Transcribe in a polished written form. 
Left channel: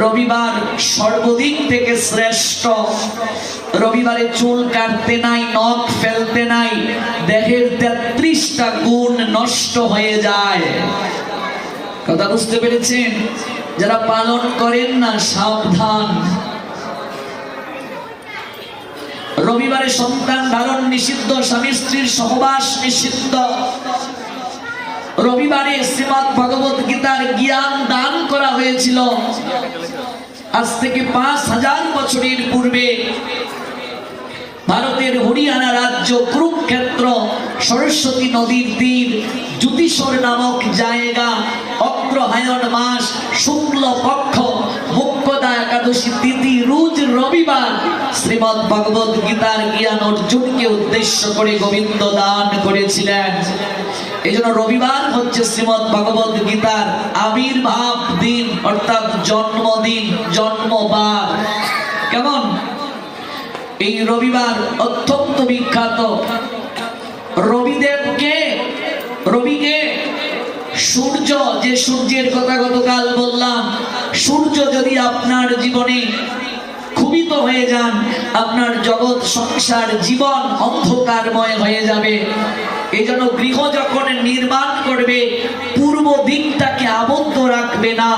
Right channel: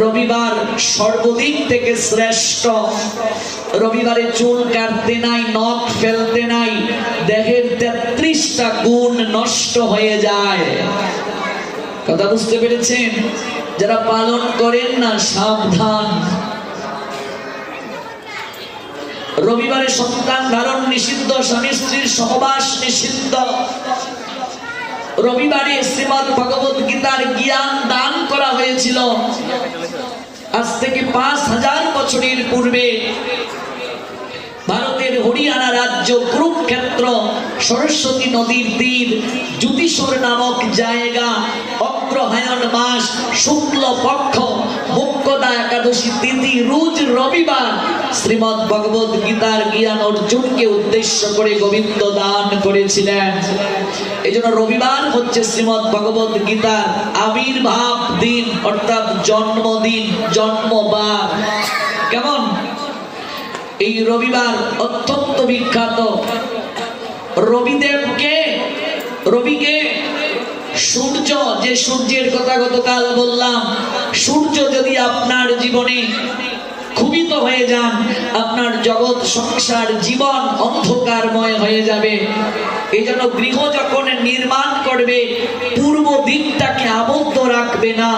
রবিবার সর্বদিন থেকে শ্রেষ্ঠ। রবিবারে চুল কাটতে নাই, নখ ফেলতে নাই, দেহের 33টা গুণ নষ্ট হয়ে যায়। কথা বুঝতে পেরেছেন? যারা পালন করেন না সাবধান। রবিবারে সন্তান ধারণ নিষিদ্ধ, স্বামী স্ত্রীর সহবাস নিষিদ্ধ। রবিবারে শ্রীমদ্ ভগবত গীতার জ্ঞান দান করা হয়েছিল। আজ থেকে 5000 বছরের পূর্বে ভারতের হরিয়ানা রাজ্য কুরুক্ষেত্র সরস্বতী নদীর তীর যুদিশর নামক জায়গা, অগ্রহায়ণ মাস শুক্ল পক্ষ মুক্তদা একাদশী তিথি রোজ রবিবার শ্রীমদ্ ভগবত গীতার জ্ঞান অর্জুনকে উদ্দেশ্য করে গোবিন্দ দান করেছিলেন। এই জন্য রবিবার হচ্ছে শ্রীমদ্ ভগবত গীতার আবির্ভাব দিন, অর্থাৎ জন্মদিন, জন্মবার। কেমন? এই রবিবার অত্যন্ত বিখ্যাত। রবিকে সূর্য, যে সূর্যের কথা গতকাল বললাম, সূর্য যদি আপনার জীবনে ক্ষুবিত হয়ে যান, আপনার জগৎ সংসার জীবন অন্ধকারময় হয়ে যাবে। এই জন্য গৃহ যখন নির্মাণ করবে, পূর্ব দিকটাকে আবদ্ধ রাখবে না,